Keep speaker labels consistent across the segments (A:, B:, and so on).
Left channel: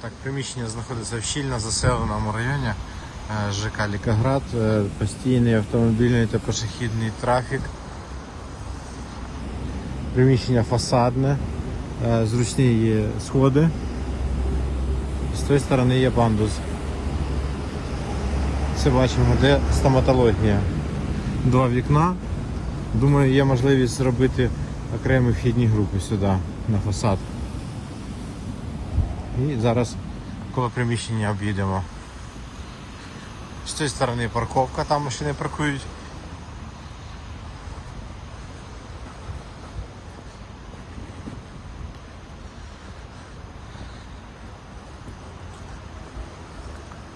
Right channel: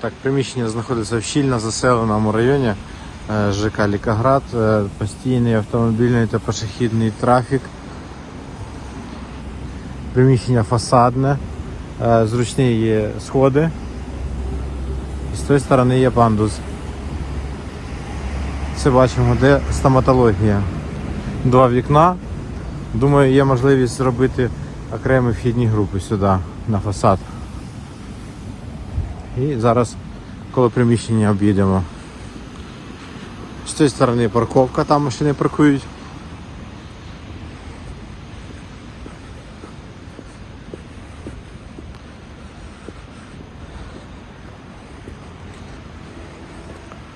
A: Так, приміщення знаходиться в щільно заселеному районі е, ЖК Лікаград, Е, постійний автомобільний та пішохідний трафік. Приміщення фасадне, е, зручні є сходи. І з тої сторони є пандус. Все бачимо, де стоматологія. Два вікна. Думаю, є можливість зробити окремі вхідні групи сюди, на фасад. І зараз коло приміщення об'їдемо. З цієї сторони парковка, там машини паркують.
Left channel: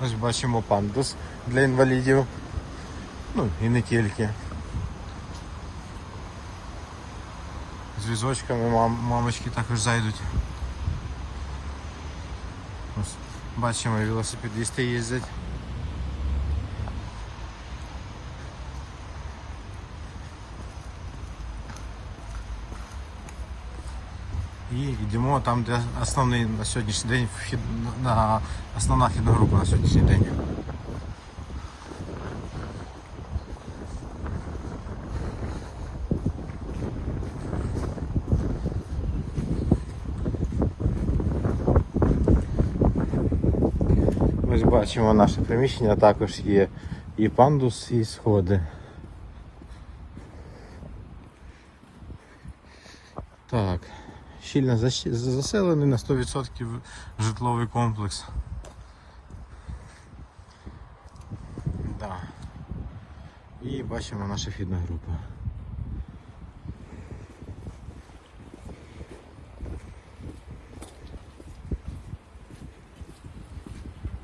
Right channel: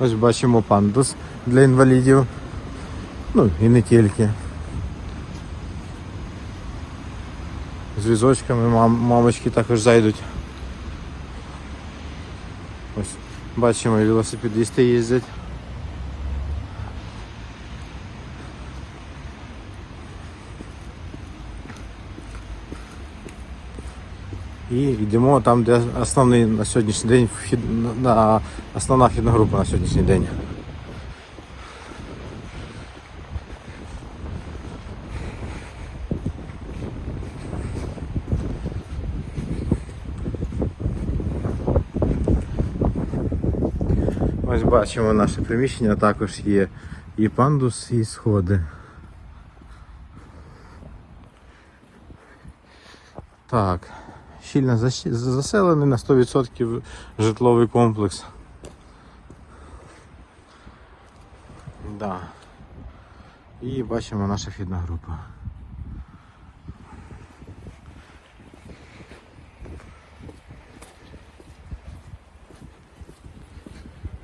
A: Ось бачимо пандус для інвалідів. Ну і не тільки. З візочками мамочки також зайдуть. Ось бачимо, велосипедисти їздять. І йдемо там, де основний на сьогоднішній день основна вхідна група на сьогоднішній день. Ось бачимо наше приміщення, також є і пандус, і сходи. Так, щільно заселений на 100% житловий комплекс. Да. І бачимо наша вхідна група.